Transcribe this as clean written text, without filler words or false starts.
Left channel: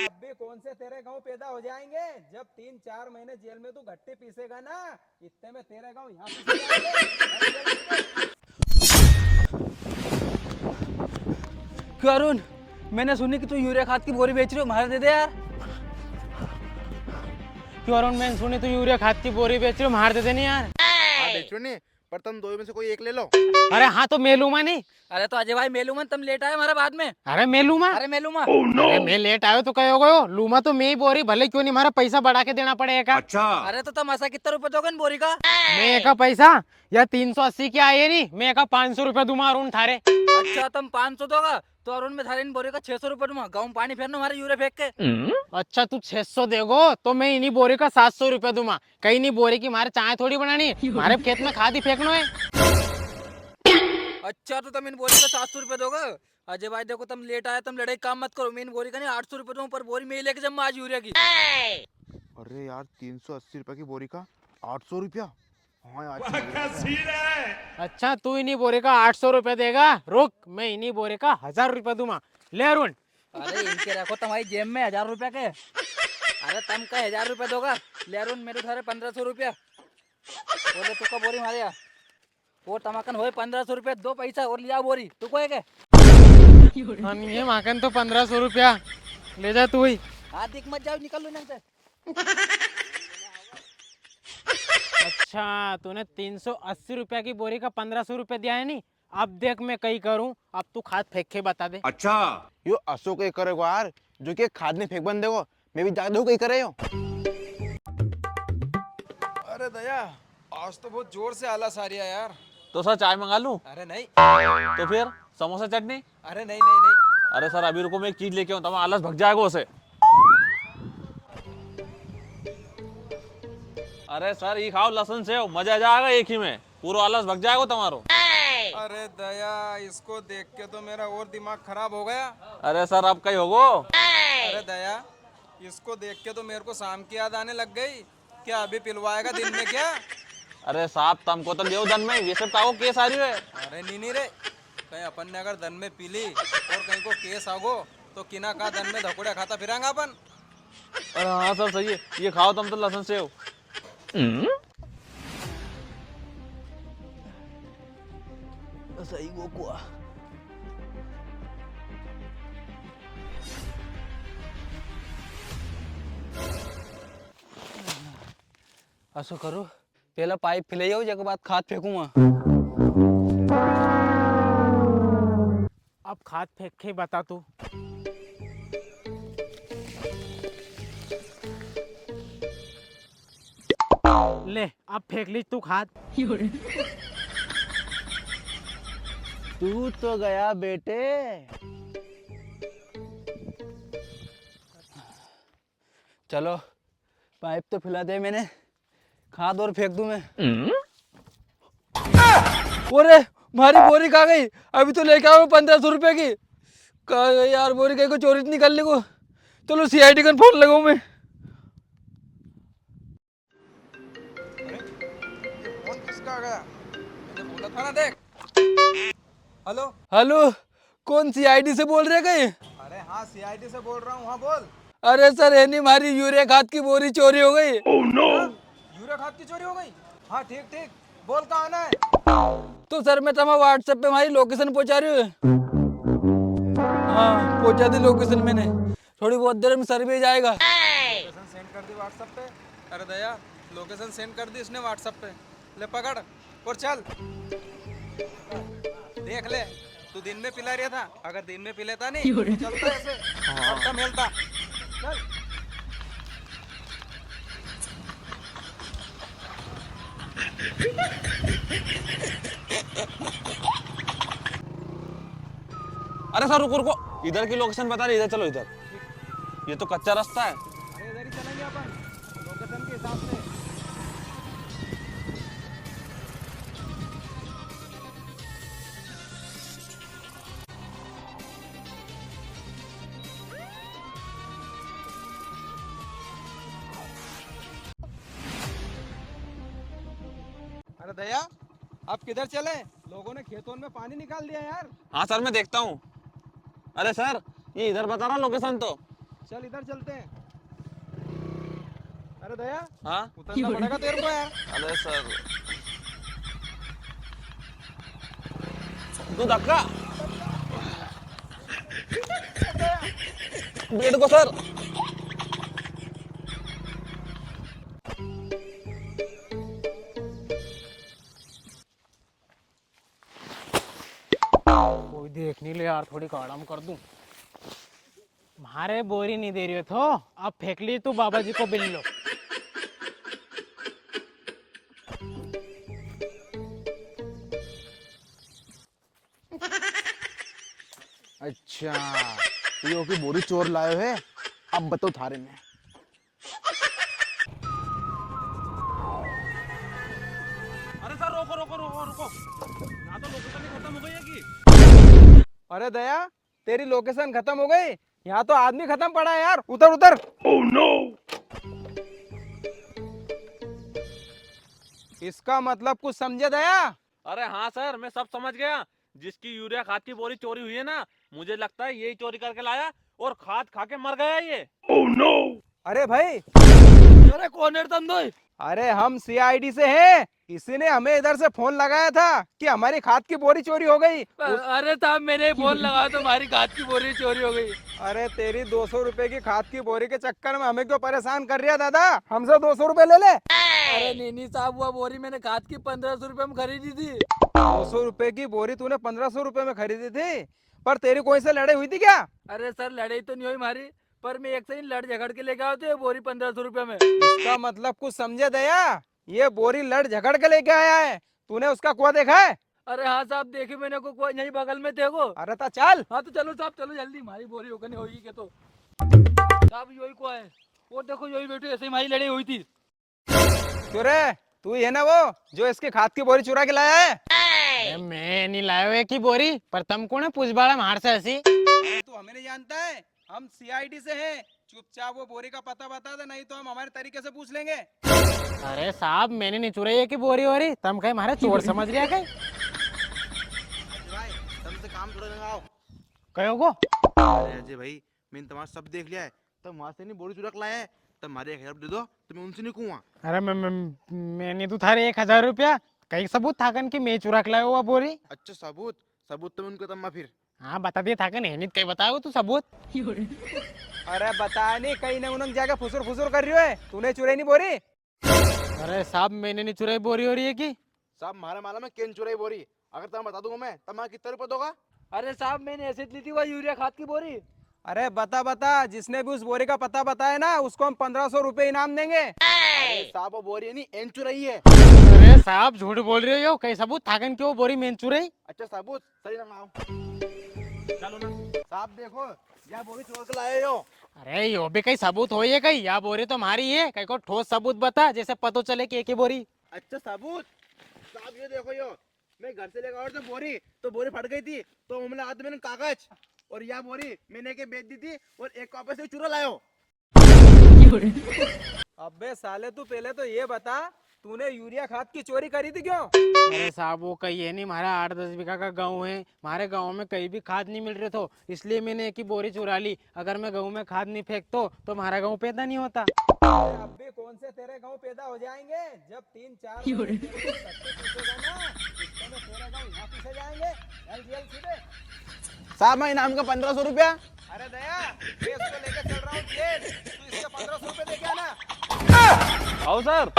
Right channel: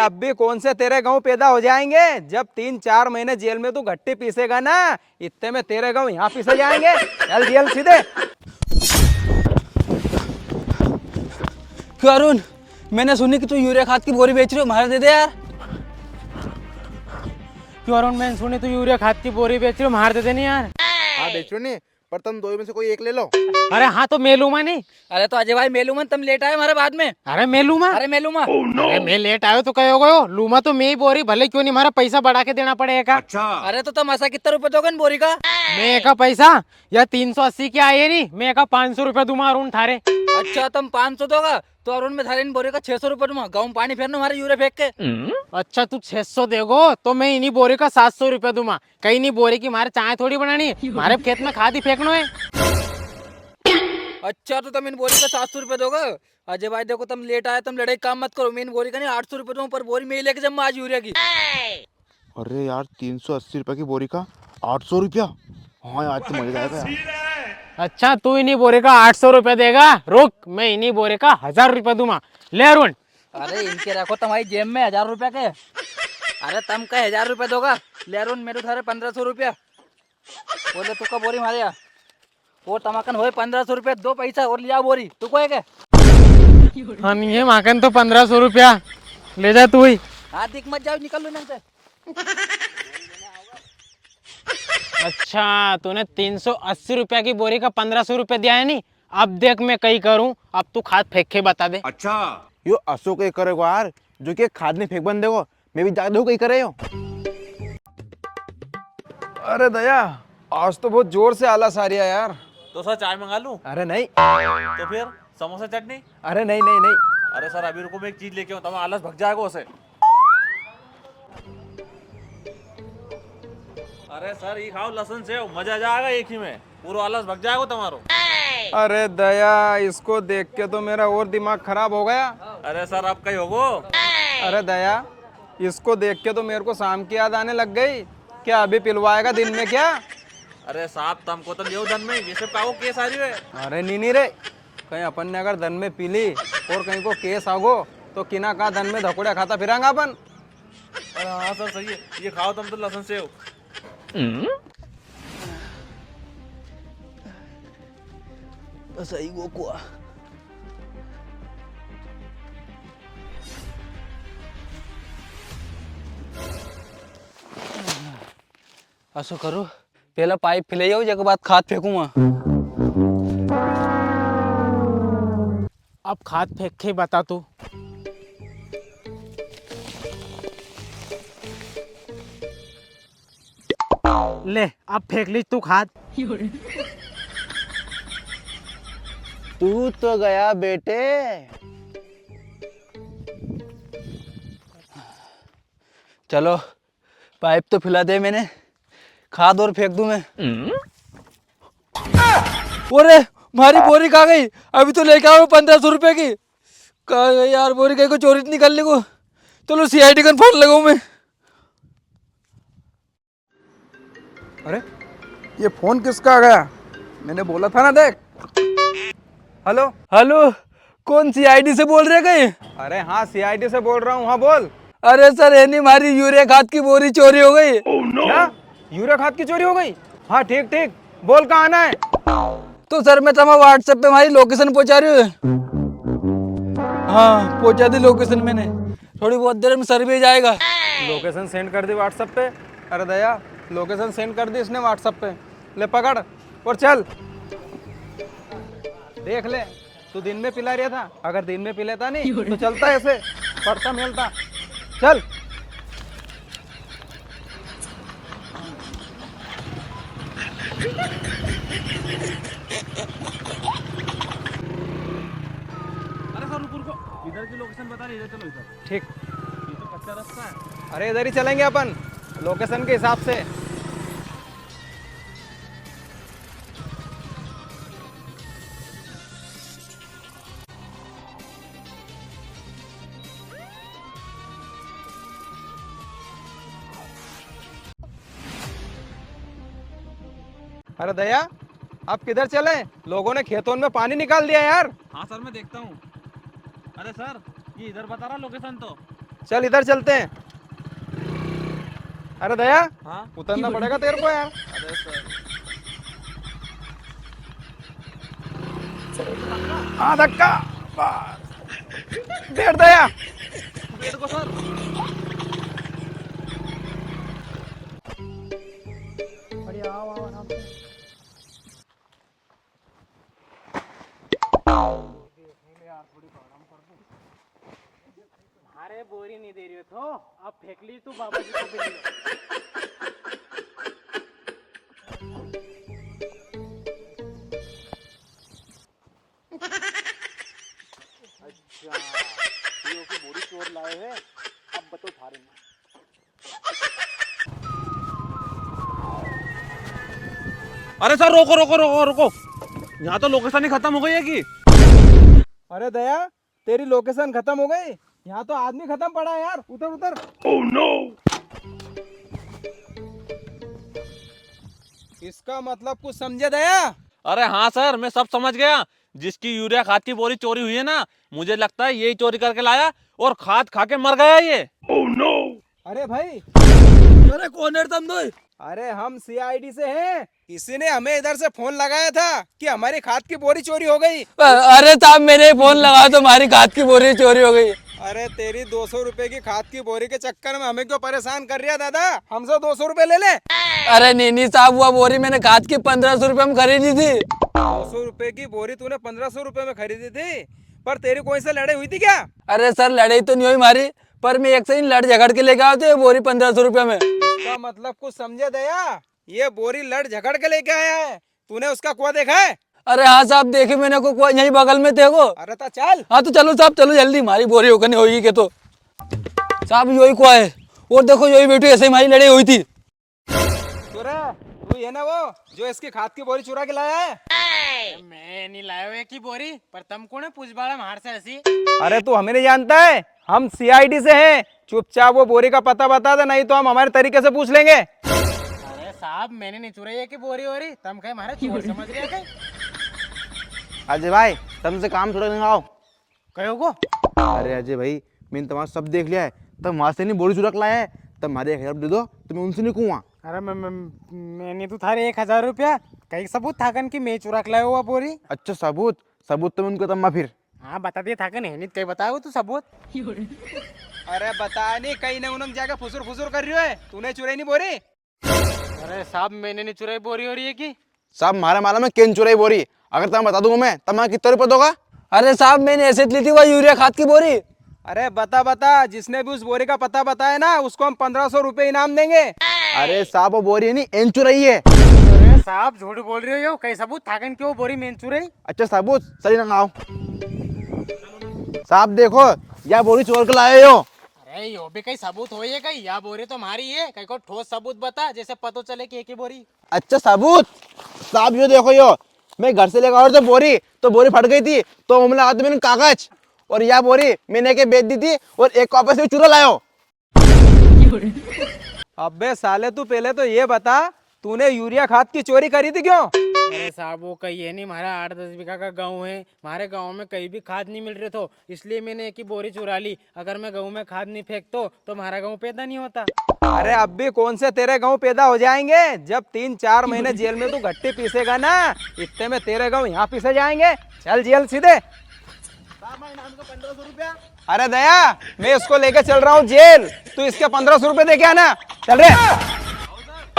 अब भी कौन से तेरे गाँव पैदा हो जाएंगे। जब 3-4 महीने जेल में तू घट्टी पीसेगा ना, इतने में तेरे गाँव यहाँ पीसे जाएंगे। चल जेल सीधे। क्यों अरुण, मैंने सुनी कि तू यूरिया खाद की बोरी बेच रही हो, हमारे दे दे यार। क्यों अरुण, मैंने सुनी तू यूरिया खाद की बोरी बेच रही हो, मार दे देनी यार। हाँ बेचो नहीं, पर तुम दो में से कोई एक ले लो। अरे हाँ तो मैं लूंगा नहीं। अरे तो अजय भाई मेलूमन तुम लेट आए हमारे बाद में। अरे मैं लूंगा। अरे मेलूमा। अरे मैं लेट आयो तो कहो गयो लूमा तो मैं ही बोरी, भले क्यों नहीं हमारा पैसा बढ़ा के देना पड़ेगा। अच्छा। अरे तो तुम ऐसा कितना रुपए दोगे इन बोरी का? मैं का पैसा या 380 के आए नहीं, मैं का 500 रुपया दूंगा अरुण थारे। अच्छा तुम 500 दोगा तो अरुण में थारे इन बोरी का 600 रुपए दूंगा। गाँव में पानी फेरना हमारे यूरिया फेंक के। अच्छा तू 600 देगो तो मैं इन्हीं बोरी का 700 रुपया दूंगा। कहीं नहीं बोरी की हमारे चाय थोड़ी बनानी, हमारे खेत में खाद ही फेंकना है। अच्छा तो तुम इन बोरी का 700 रुपए दोगे। अजय भाई देखो तुम लेट आए, तुम लड़ाई काम मत करो। मैं इन बोरी का नहीं 800 रुपए दूंगा पर बोरी में ही लेके जब आज यूरिया की। अरे यार 380 रुपए की बोरी का 800 रुपया। हाँ आज तो मजा आएगा। अच्छा तू इन्हीं बोरे का 800 रुपया देगा, रुक मैं इन्हीं बोरे का 1000 रुपया दूंगा। ले अरुण। अरे इनके रखो तुम्हारी जेब में 1000 रुपया के। अरे तुम का 1000 रुपया दोगा। ले अरुण मेरे थारे 1500 रुपया। बोले तू का बोरी मारे यहाँ वो तमाकन होए 1500 रुपया, दो पैसा और लिया बोरी तू को है क्या? हाँ नहीं है माकन तो 1500 रुपया ले जा तू ही। हाँ दिख मत जाओ, निकल लो यहाँ से। अच्छा तूने 380 रुपया की बोरी का 1500 रुपया दिया है नहीं। अब देख मैं कहीं करूं, अब तू खाद फेंक के बता दे। अच्छा यो असो कहीं करेगो यार, जो कि खाद में फेंक बन देगो। मैं भी जादू कहीं करे हो। अरे दया, आज तो बहुत जोर से आलस आ रही है यार। तो सर चाय मंगा लूं? अरे नहीं। तो फिर समोसा चटनी? अरे नहीं नहीं नहीं। अरे सर अभी रुको, मैं एक चीज लेके आऊं, तुम्हारा आलस भग जाएगा उसे। अरे सर ये खाओ लहसुन सेव, मजा आ जाएगा एक ही में, पूरा आलस भग जाएगा तुम्हारा। अरे दया, इसको देख के तो मेरा और दिमाग खराब हो गया। अरे सर अब कहीं होगो। अरे दया, इसको देख के तो मेरे को शाम की याद आने लग गई। क्या अभी पिलवाएगा दिन में क्या? अरे साहब तुमको तो देव धन में ये सब काओ केस आ रही है। अरे नहीं रे, कहीं अपन ने अगर धन में पी ली और कहीं को केस आगो तो किना का धन में धकुड़ा खाता फिरांगा अपन। अरे हाँ सर सही है, ये खाओ तुम तो लहसुन सेव। सही वो कुआ। ऐसा करो पहला पाइप फैले जाओ, जब बाद खाद फेंकूंगा। अब खाद फेंक के बता तू। ले अब फेंक ली तू खाद। तू तो गया बेटे। चलो पाइप तो फैला दे मैंने, खाद और फेंक दूं मैं। अरे हमारी बोरी कहाँ गई? अभी तो लेके आओ 1500 रुपए की। कहाँ गई यार बोरी? कहीं को चोरी निकालने को। चलो सीआईडी का फोन लगाऊं मैं। अरे ये फोन किसका आ गया? मैंने बोला था ना देख। हेलो हेलो, कौन सीआईडी से बोल रहे कहीं? अरे हाँ सीआईडी से बोल रहा हूँ। हाँ बोल। अरे सर है नहीं, हमारी यूरिया खाद की बोरी चोरी हो गई। क्या? यूरिया खाद की चोरी हो गई? हाँ ठीक ठीक, बोल कहाँ आना है? तो सर मैं तुम्हारा व्हाट्सएप पे हमारी लोकेशन पहुंचा रही हूँ। हाँ पहुंचा दी लोकेशन मैंने, थोड़ी बहुत देर में सर भी जाएगा। लोकेशन सेंड कर दी व्हाट्सएप पे। अरे दया, लोकेशन सेंड कर दी इसने व्हाट्सएप पे। ले पकड़ और चल। देख ले, तू दिन में पिला रहा था, अगर दिन में पी लेता नहीं तो चलता ऐसे पक्का मिलता। चल। अरे सर रुको रुको, इधर की लोकेशन बता रही, इधर चलो इधर। ठीक। ये तो कच्चा रास्ता है। अरे इधर ही चलेंगे अपन लोकेशन के हिसाब से। अरे दया, अब किधर चले? लोगों ने खेतों में पानी निकाल दिया यार। हाँ सर मैं देखता हूँ। अरे सर ये इधर बता रहा लोकेशन तो। चल इधर चलते हैं। अरे दया, हाँ उतरना पड़ेगा तेरे को यार। अरे सर दो धक्का हाँ धक्का। बैठ दया। बैठ को सर। कोई देख नहीं ले यार, थोड़ी काड़म कर दूं। मारे बोरी नहीं दे रही हो तो अब फेंक ली तू बाबा जी को बिल लो। अच्छा, ये की बोरी चोर लाए हुए। अब बताओ थारे में। अरे सर रोको रोको रोको रोको, यहाँ तो लोकेशन ही खत्म हो गई है कि। अरे दया, तेरी लोकेशन खत्म हो गई? यहाँ तो आदमी खत्म पड़ा है यार। उतर उतर। Oh no. इसका मतलब कुछ समझे दया? अरे हाँ सर, मैं सब समझ गया। जिसकी यूरिया खाद की बोरी चोरी हुई है ना, मुझे लगता है यही चोरी करके लाया और खाद खा के मर गया ये। अरे भाई, अरे कौन है तुम दो? अरे हम सीआईडी से है। किसी ने हमें इधर से फोन लगाया था कि हमारी खाद की बोरी चोरी हो गई। अरे साहब मैंने फोन लगाया तो हमारी खाद की बोरी चोरी हो गई। अरे तेरी 200 रुपए की खाद की बोरी के चक्कर में हमें क्यों परेशान कर रही है दादा? हमसे 200 रुपए ले ले। अरे नहीं साहब, वो बोरी मैंने खाद की 1500 रुपए में खरीदी थी। 200 रुपए की बोरी तूने 1500 रुपए में खरीदी थी, पर तेरी कोई से लड़ाई हुई थी क्या? अरे सर लड़ाई तो नहीं हुई हमारी, पर मैं एक से ही लड़ झगड़ के लेके आया था ये बोरी 1500 रुपए में। इसका मतलब कुछ समझे दया? ये बोरी लड़ झगड़ के लेके आया है। तूने उसका कुआं देखा है? अरे हाँ साहब, देखे मैंने को यहीं बगल में थे वो। अरे ता चल। हाँ तो चलो साहब, चलो जल्दी, हमारी बोरी होकर नहीं होगी के तो। साहब यही कुआ है, और देखो यही बेटी ऐसे ही हमारी लड़ाई हुई थी। तू है ना वो जो इसकी खाद की बोरी चुरा के लाया है? अरे मैं नहीं लाया हुए की बोरी, पर तुम कौन है पूछ बाड़ा मार से ऐसी? अरे तू हमें नहीं जानता है, हम सीआईडी से हैं। चुपचाप वो बोरी का पता बता दे, नहीं तो हम हमारे तरीके से पूछ लेंगे। अरे साहब मैंने नहीं चुराई है की बोरी हो रही, तुम कहीं मारे चोर समझ रहे हैं? अजय भाई, तुमसे काम थोड़ा नहीं आओ। कहो को? अरे अजय भाई, मैंने तुम्हारा सब देख लिया है। तब वहां से नहीं बोरी चुरा के लाए हैं। तब हमारे 1000 दे दो, तो मैं उनसे नहीं कहूँगा। अरे मैंने तो थारे 1000 रुपया कई सबूत थाकन की मैं चुरा के लाया हुआ बोरी। अच्छा सबूत? सबूत तो मैं उनको तम्मा फिर। हाँ बता दिए थाकन, हेमित कहीं बताओ तू सबूत। अरे बता नहीं, कहीं ना उन्हें जाकर फुसुर फुसुर कर रही है। तूने चुराई नहीं बोरी? अरे साहब मैंने नहीं चुराई बोरी हो रही है की? साहब मारा माला में केन चुराई बोरी। अगर तुम बता दूंगा मैं, तब कितना रुपये दोगा? अरे साहब मैंने ऐसे ली थी वो यूरिया खाद की बोरी। अरे बता, जिसने भी उस बोरी का पता बताया ना, उसको हम 1500 रुपए इनाम देंगे। अरे साहब वो बोरी है नहीं, एन चुराई है। अरे साहब झूठ बोल रहे हो, कई सबूत थाकन की वो बोरी मैं चुराई? अच्छा सबूत सही ना आओ। साहब देखो, यह बोरी चोर के लाए हो। अरे यो भी कई सबूत हो, ये कई या बोरी तो हमारी है, कई को ठोस सबूत बता जैसे पता चले कि एक ही बोरी। अच्छा सबूत? साहब यो देखो, यो मैं घर से लेकर आया था बोरी, तो बोरी फट गई थी, तो हमने हाथ में कागज, और यह बोरी मैंने के बेच दी थी, और एक वापस से चुरा लायो। अबे साले, तू पहले तो ये बता, तूने यूरिया खाद की चोरी करी थी क्यों? अरे साहब वो कहीं है नहीं, हमारा 8-10 बीघा का गांव है, हमारे गांव में कहीं भी खाद नहीं मिल रहे तो इसलिए मैंने एक ही बोरी चुरा ली। अगर मैं गांव में खाद नहीं फेंकता तो हमारा गांव पैदा नहीं होता। अरे अब भी कौन से तेरे गांव पैदा हो जाएंगे? जब 3-4 महीने जेल में तू गट्टी पीसेगा ना, इतने में तेरे गांव यहाँ पीसे जाएंगे। चल जेल सीधे। साहब मैं इनाम का 1500 रुपया। अरे दया, मैं इसको लेके चल रहा हूँ जेल, तू इसके 1500 रुपए दे के आना। चल रे। आओ सर।